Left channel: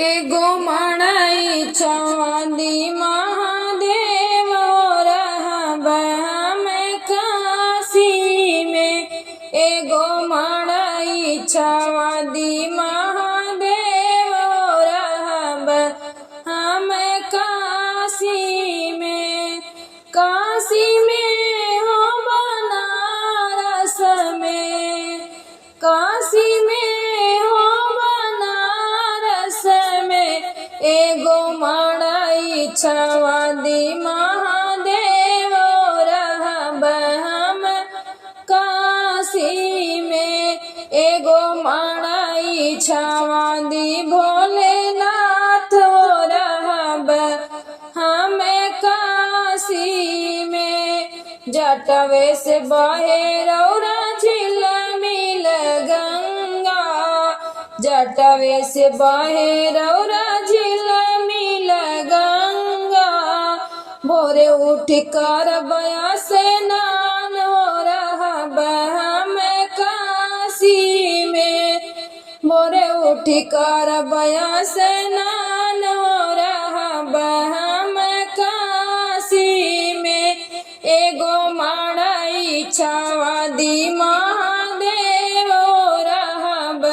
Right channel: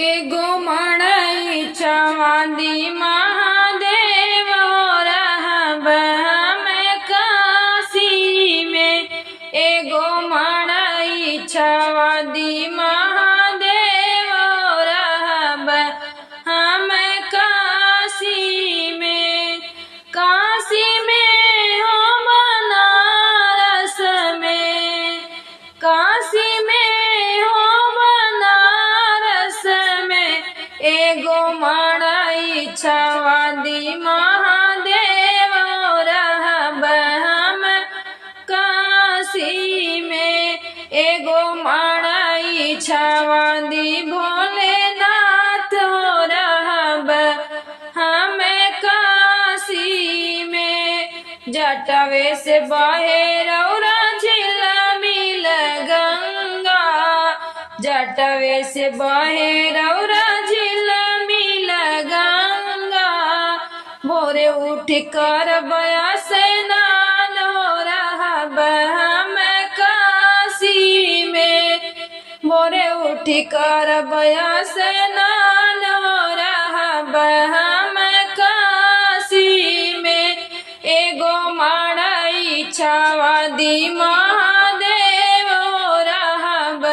एगो मड़ई चवादी महादेव रहब हमें काशी में। एगो मड़ई चवादी महादेव रहब हमें काशी में। काशी में हो बनारस में, काशी में हो बनारस में। एगो मड़ई चवादी महादेव रहब हम काशी में। एगो मड़ई चवादी भोलेनाथ रहब हमें काशी में। जटवे से बहे रौरा झिलमिल गंगा, जटवे से बहे रौरा झिलमिल गंगा। भोरे उठ कर बया से नान हो रहब हम काशी में। भोरे उठ कर बया से नान हो रहब हम काशी में। एगो मड़ई चवादी महादेव रहब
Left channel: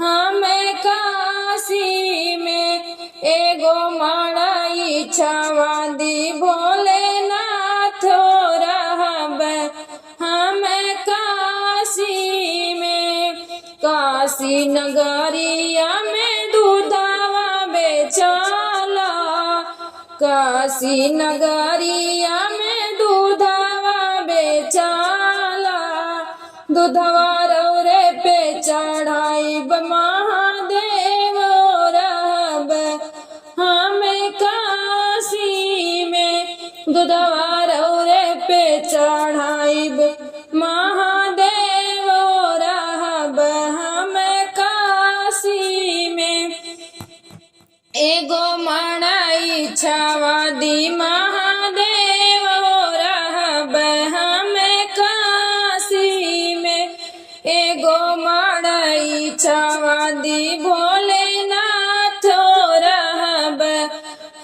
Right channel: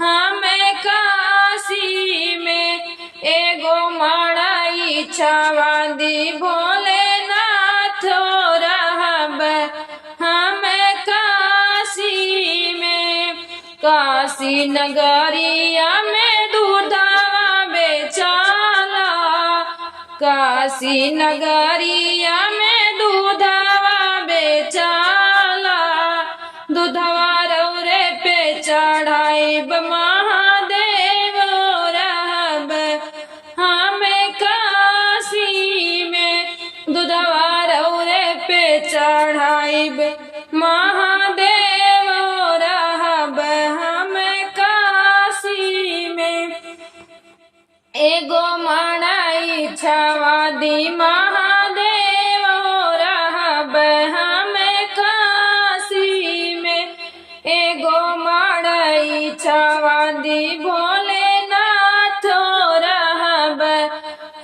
हमें काशी में। एगो मड़ई चवादी भोलेनाथ रहब हमें काशी में। काशी नगरिया में दूधवा बेचाला, काशी नगरिया में दूधवा बेचाला। दूधवा रौरे पे चढ़ाइब महादेव रहब हमें काशी में। दूधवा रौरे पे चढ़ाइब महादेव रहब हमें काशी में। एगो मड़ई चवादी महादेव रहब हमें काशी में। एगो मड़ई चवादी भोलेनाथ रहब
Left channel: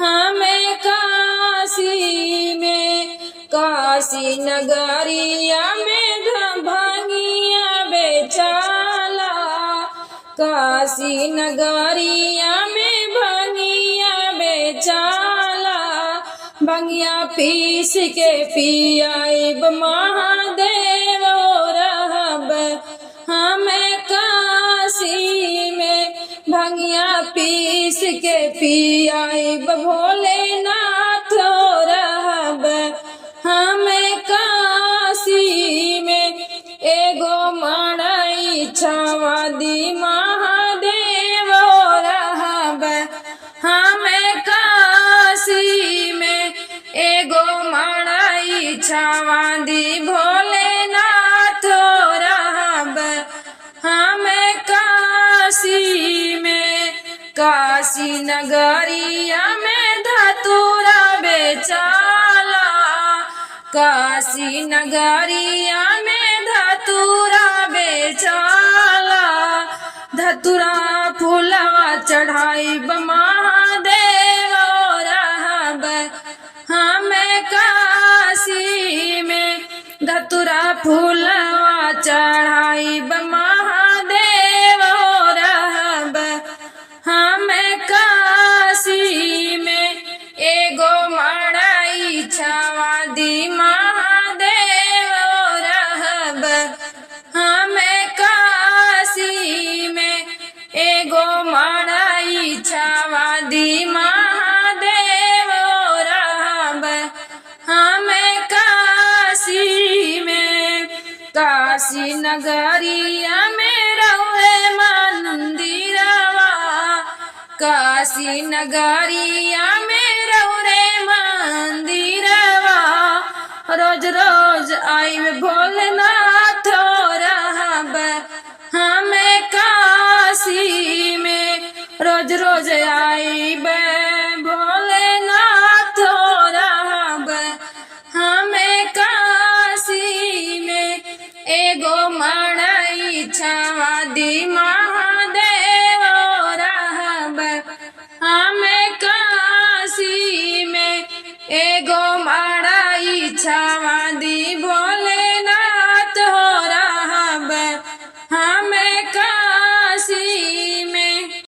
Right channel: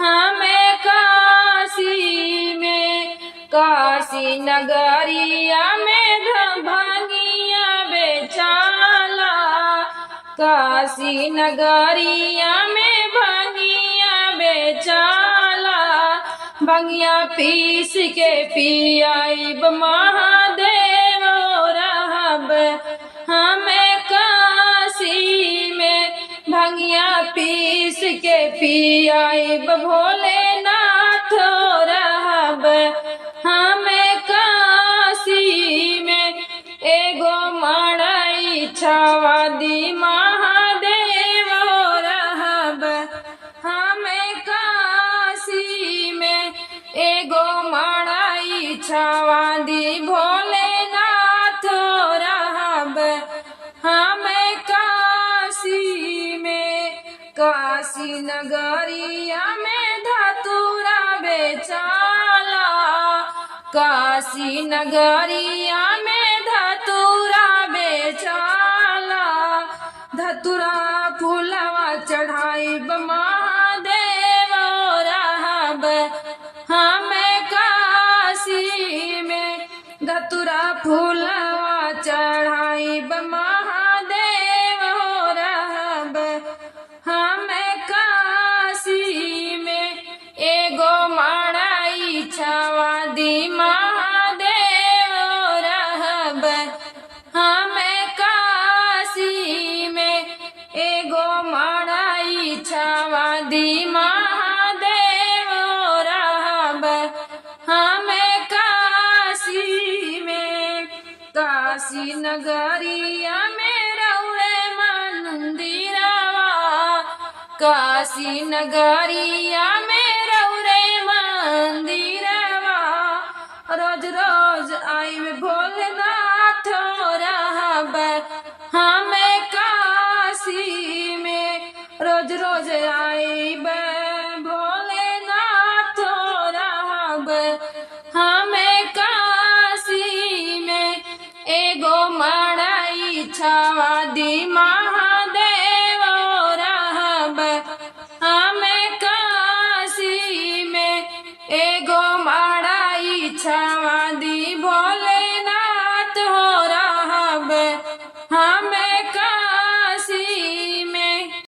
हमें काशी में। काशी नगरिया में भांगिया बेचाला, काशी नगरिया में भांगिया बेचाला। भंगिया पीस के पियाइब महादेव रहब हमें काशी में। भंगिया पीस के पियाइब भोलेनाथ रहब हमें काशी में। एगो मड़ई चवादी महादेव रहब हमें काशी में। एगो मड़ई चवादी भोलेनाथ रहब हमें काशी में। काशी नगरिया में धतूरा बेचाला, काशी नगरिया में धतूरा बेचाला। धतूरा फूलवा चढ़ाइब महादेव रहब हमें काशी में। धतूरा फूलवा चढ़ाइब महादेव रहब हमें काशी में। एगो मड़ई चवादी महादेव रहब हमें काशी में। एगो मड़ई चवादी महादेव रहब हमें काशी में। काशी नगरिया में रहुए मंदिरवा, काशी नगरिया में रहुरे मंदिरवा। रोज रोज आइब भोलेनाथ रहब हमें काशी में। रोज रोज आइब भोलेनाथ रहब हमें काशी में। एगो मड़ई चवादी महादेव रहब एगो माड़ा इच्छावादी